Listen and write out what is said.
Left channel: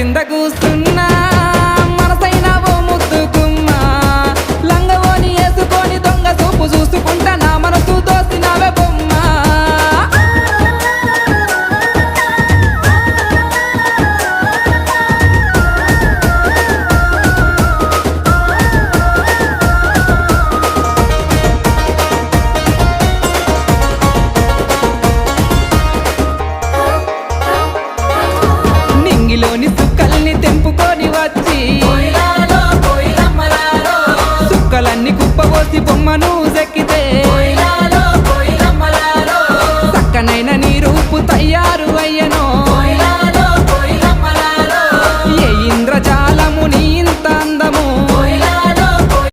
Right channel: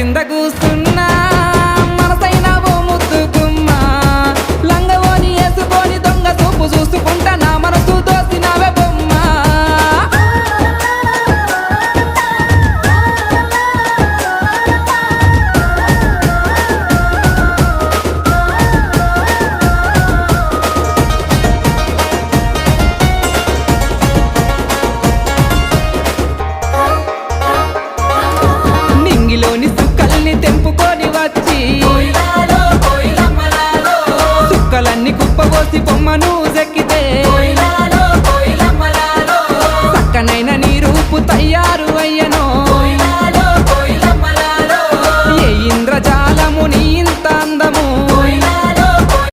కింద కూస్తున్నా మనసైన ఓ ముద్దుకుమ్మా లంగవోని వేసుకొని దొంగ చూపు చూసుకుంటా నా మనసు దోసినవే బొమ్మ నింగిలోని సుక్కల్ని తెంపుకొని వచ్చి సుక్కలన్నీ కుప్పబోసి బొమ్మను చెక్కితే చక్కనైన నీ రూపు తయారు అయ్యనో ఏ ఇంద్రజాలము నీ ఇంత అందము